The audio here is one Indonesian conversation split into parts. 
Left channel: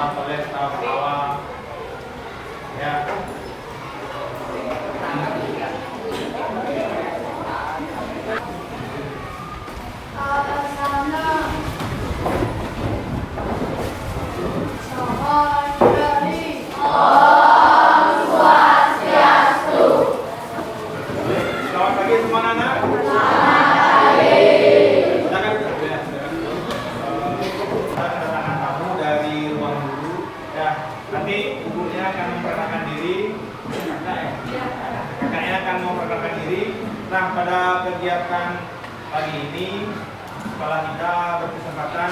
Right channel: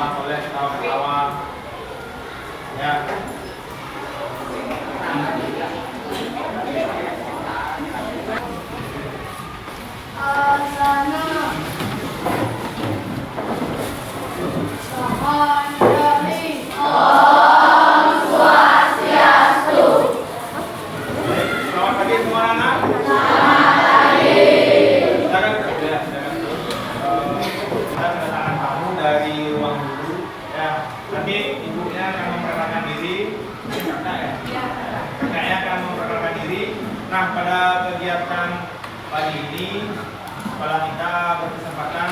Pak Soleh ketawa-ketawa. Ya. Nah, pada kegiatan pagi ini sekolah kita berkesempatan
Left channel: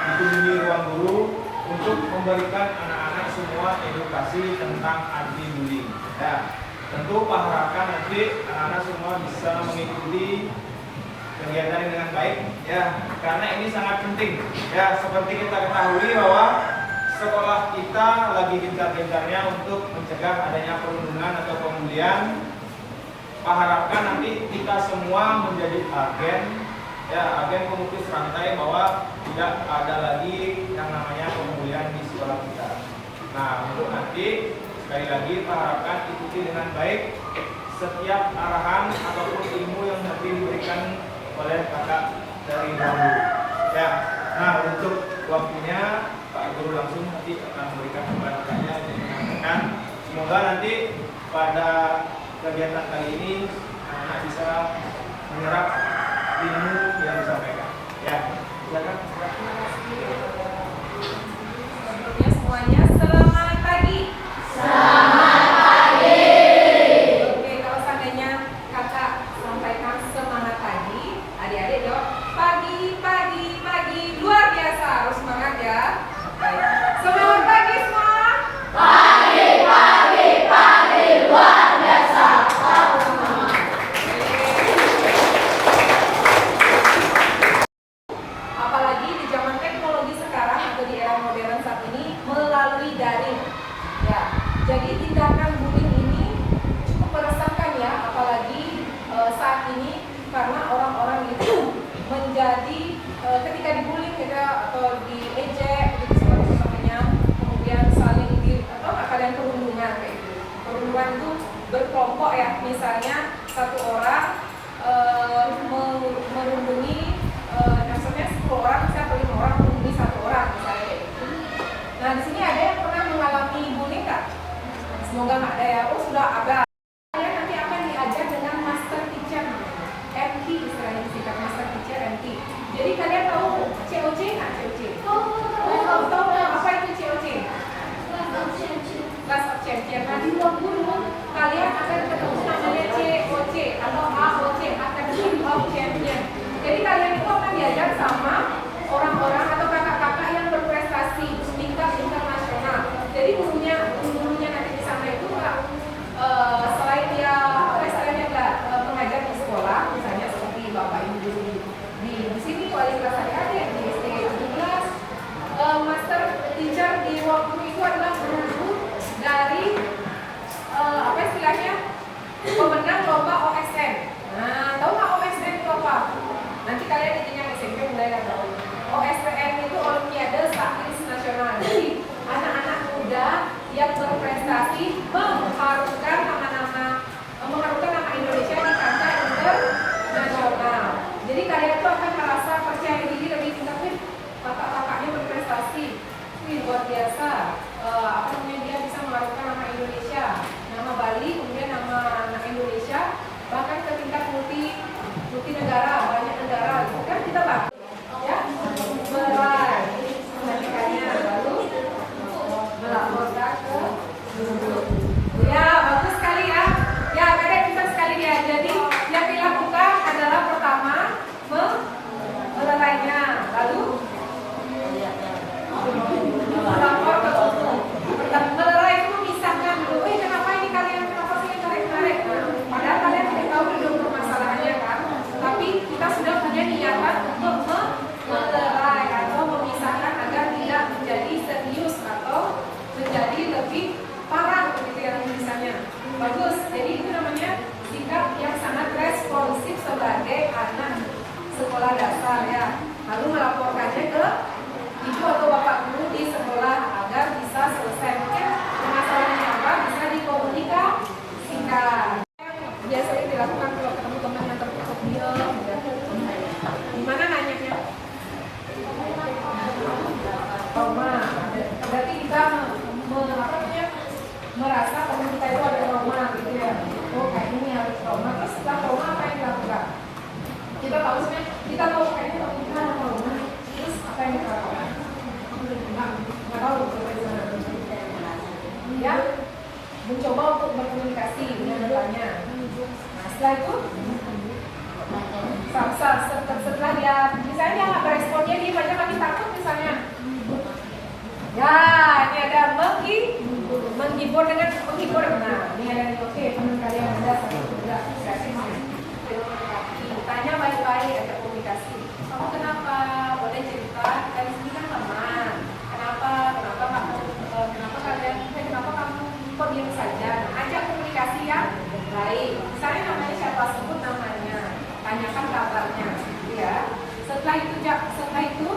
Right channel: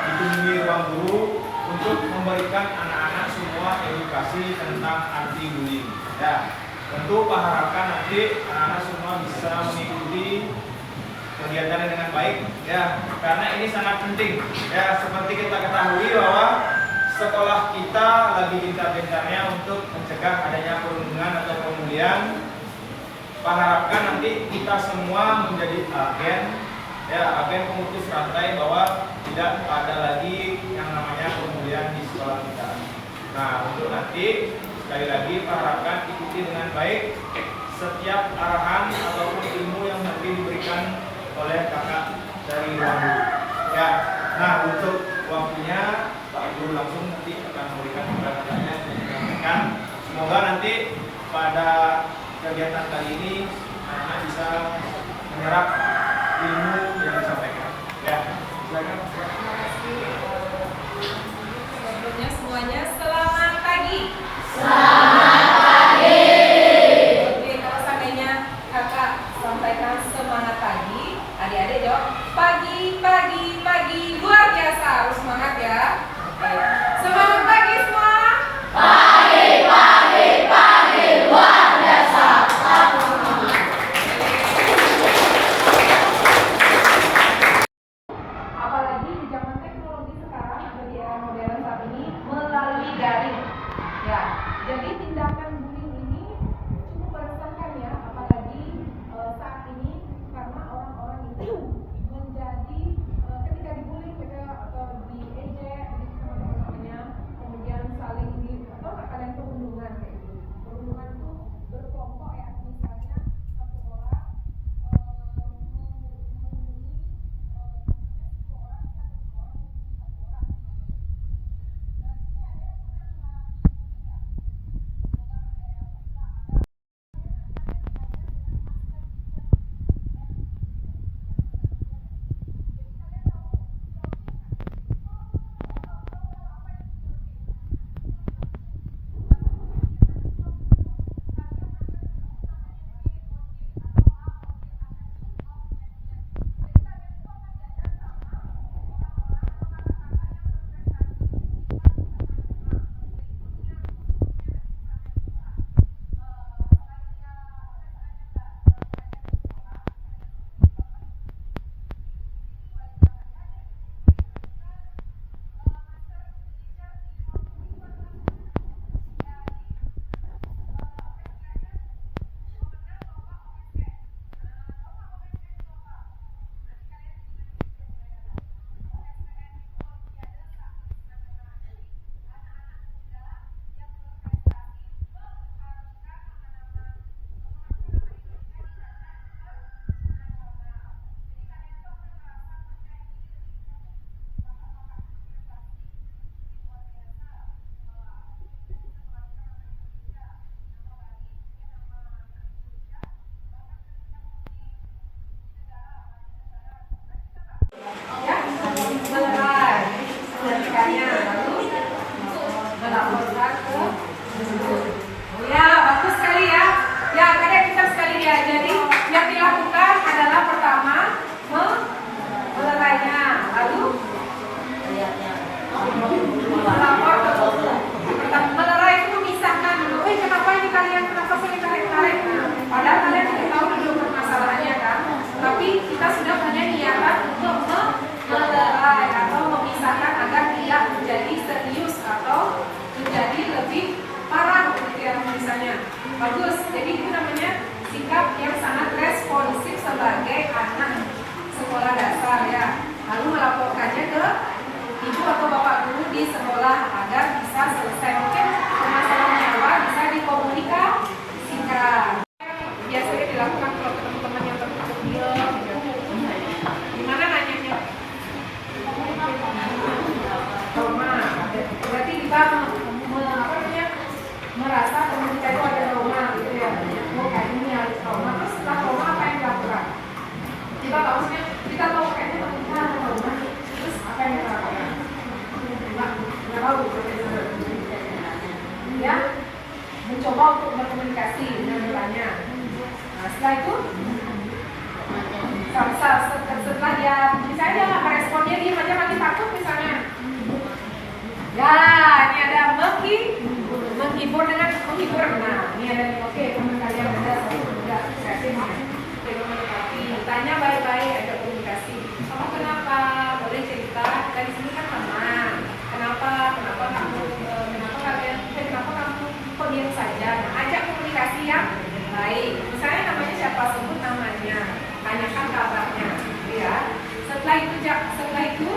dikunjungi ruang guru untuk memberikan anak-anak semua edukasi tentang anti bullying. Ya, tentu Pak harapkan nanti anak-anak semua bisa mengikuti kegiatannya dengan baik, ya, karena ini sangat penting. Ya, seperti kita ketahui bahwa sekolah kita lagi gencar-gencarnya untuk mencegah adanya perundungan atau pembulian. Pak harapkan nanti kita semua menjadi agen, ya, agen pemutus rantai bahwa tidak ada lagi yang namanya pembulian di sekolah kita. Nah, untuk nanti sekali lagi Pak harapkan ikuti dengan baik setiap arahan ataupun ilmu yang nanti diberikan oleh kakak dari ruang guru. Ya, nah untuk waktunya Pak Guru langsung nanti akan memberikan keterangannya dan menyampaikan. Semoga nanti pada kegiatan kali ini anak-anak bisa menyerap ilmu yang disampaikan. Ya, silakan. Terima kasih. Sebelumnya semuanya selamat pagi. Selamat pagi. Oke, kalau seandainya kakak sampaikan semangat pagi, adik-adik jawab pagi, pagi, pagi. Luar biasa, harus semangat ya. Baik. Semangat pagi semua. Pagi, pagi, pagi, luar biasa. Apalagi di zaman teknologi sekarang atau di era modern saat ini melalui daring. Ya, jadi tindakan bullying ini cukup meresahkan ya, apalagi saat ini karena orang-orang itu menjadi ketika dibullying gitu atau diejek gitu seperti namanya, kemudian saling atau kalian perundungan kayak gitu. Perundungan itu berkelompok ya, misalnya satu orang merundungi maksudnya 10 orang, misalnya 5 orang merundungi 1 orang misalnya kayak gitu. Nah, di sini ada yang pernah mengalami bullying nggak? Semoga nggak ada ya. Oh, sudah ada. Kalian nanti akan diajar dengan master teacher MT, istilahnya disingkat master teacher MT. Jadi kalian tahu COC nggak? COC? Tahu apa itu COC? Class of Champion. Nah, di ruang guru kalian akan ketemu namanya COC atau AOC, Academy of Champion. Jadi kalian itu akan diajar sama orang-orang atau kakak-kakak yang berprestasi tingkat internasional. Jadi gurunya nanti di sana itu nggak selain dia istilahnya nggak mengajar di sekolah, misalnya seperti bapak ibu guru di sini wali kelas adik-adik di SD 17, master teacher di ruang guru itu adalah guru dari apa istilahnya pemenang lomba OSN. Nah, tahu nggak OSN itu apa? Nanti kalian yang SMP mulai nggak tahu. OSN itu Olimpiade Sains Nasional. Jadi anak-anak muda yang berprestasi mengharumkan nama Indonesia di kancah internasional. Jadi kalian tuh akan merasa percaya diri lebih tingkat. Kakak-kakaknya berprestasi, luar biasa. Apa namanya, dia bisa mengharumkan nama Indonesia, nama Bali, kemudian nama anak Indonesia, bahkan ke tingkat multi negara, banyak negara, gitu kan kita bangga. Ya, melerai pendidikannya, lalu melaporkan ke guru. Ya, bagus sekali ya. Ya, kadang kita sekali ya. Jadi yang dilakukan adalah pertama melerainya, lalu melapor ke guru. Melerai itu memisahkan dulu. Kenapa ini kalian kenapa sering tarik-tarik? Padahal kalian tidak tahu dulu permasalahannya kan. Tapi kita sudah punya niatan untuk melerai atau memisahkan agar tidak menjadi serius atau menjadi lebih parah begitu ya misalnya. Bagus. Jadi itu namanya sikap yang sangat responsif sebagai anak sekolah dasar ya. Lalu melaporkannya ke ibu atau bapak guru di berkomunikasi dengan bertanya. Nah, setelah itu setelah dia misalnya dia nggak berespon, dia diem aja makin takut misalnya. Ya, ini ada menghibur dengan menghibur. Nah, ini ada nih, oke, teman kalian ada sudah kreatif. Tanya baik-baik, ada komunikasi. Kamu kenapa? Boleh cerita? Kita di sini kan teman. Kenapa kamu kok diam saja? Nah, ajak komunikasi yang baik. Misalnya namanya siapa, sebut namanya, tanyakan kabarnya, gitu ya. Setelah itu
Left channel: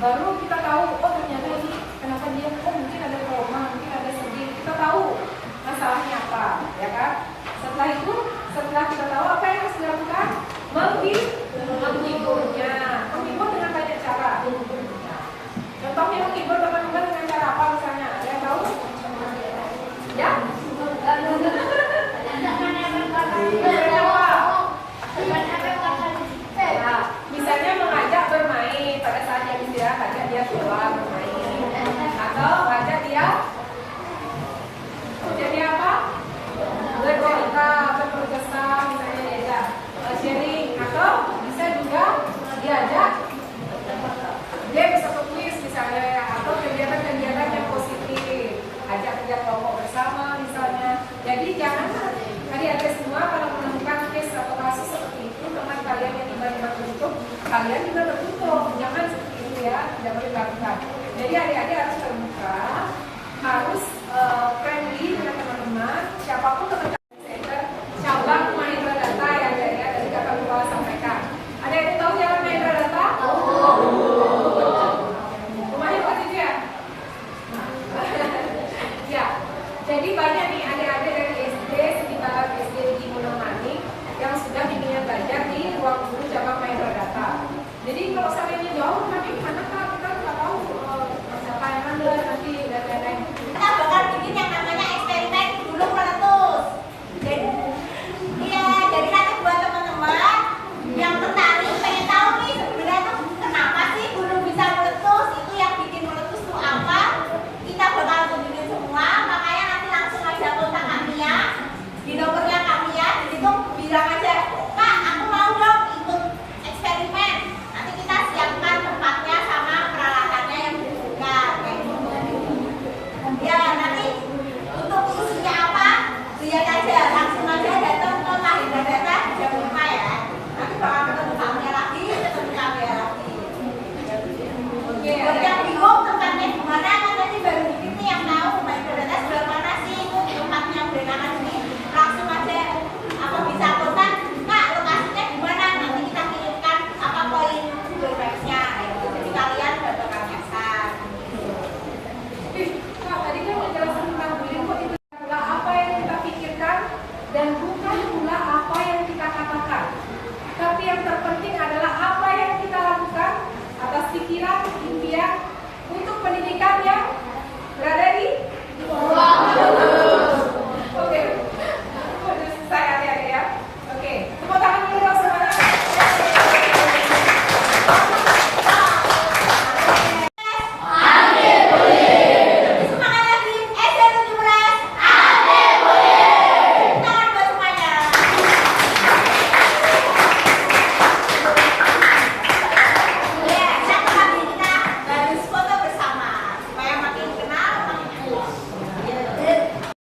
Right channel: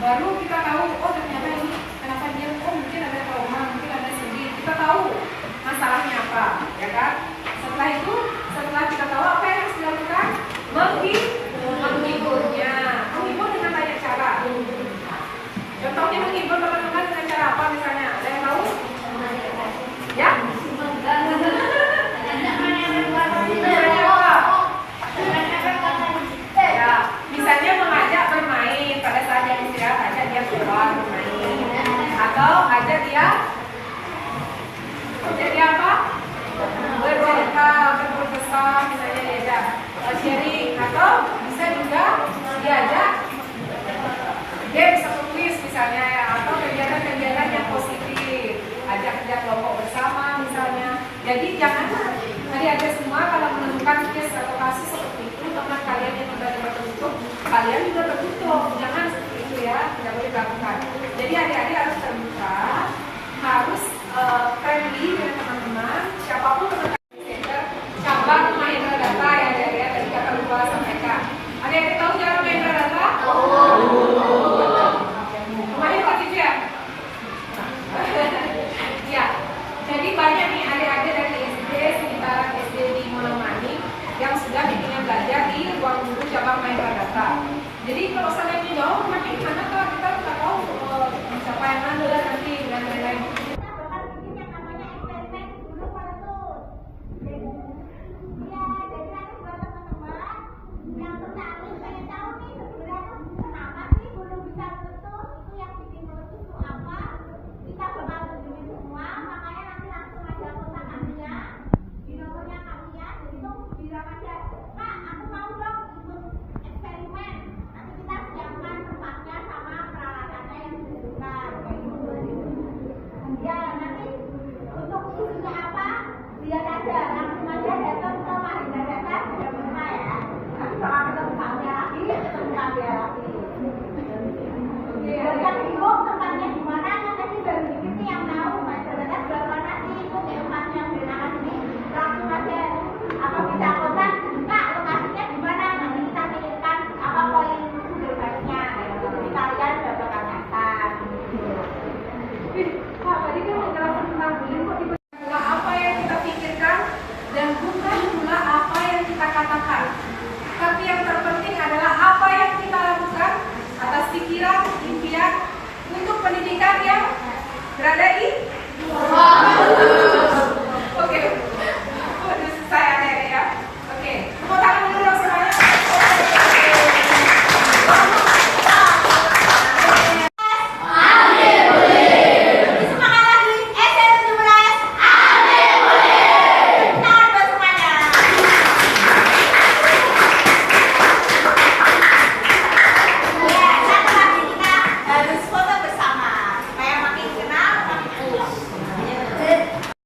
baru kita tahu, oh ternyata ini kenapa dia, oh mungkin ada trauma, mungkin ada sedih. Kita tahu masalahnya apa, ya kan? Setelah kita tahu apa yang harus dilakukan, menghiburnya. Menghibur dengan banyak cara. Contohnya menghibur teman-teman dengan cara apa misalnya? Ada yang tahu? Ya? Ya, misalnya mengajak bermain pada saat jam istirahat, ajak dia keluar bermain, atau ajak dia apa? Bercerita, berkesan, misalnya diajak sharing, atau bisa juga diajak dia bisa menulis misalnya ya, atau kegiatan-kegiatan yang positif, ajak kerja kelompok bersama misalnya. Jadi jangan adik-adik semua kalau menemukan case atau kasus seperti itu, teman kalian yang tiba-tiba tertutup, kalian juga tertutup, jangan seperti itu ya, tidak boleh dilakukan. Jadi adik-adik harus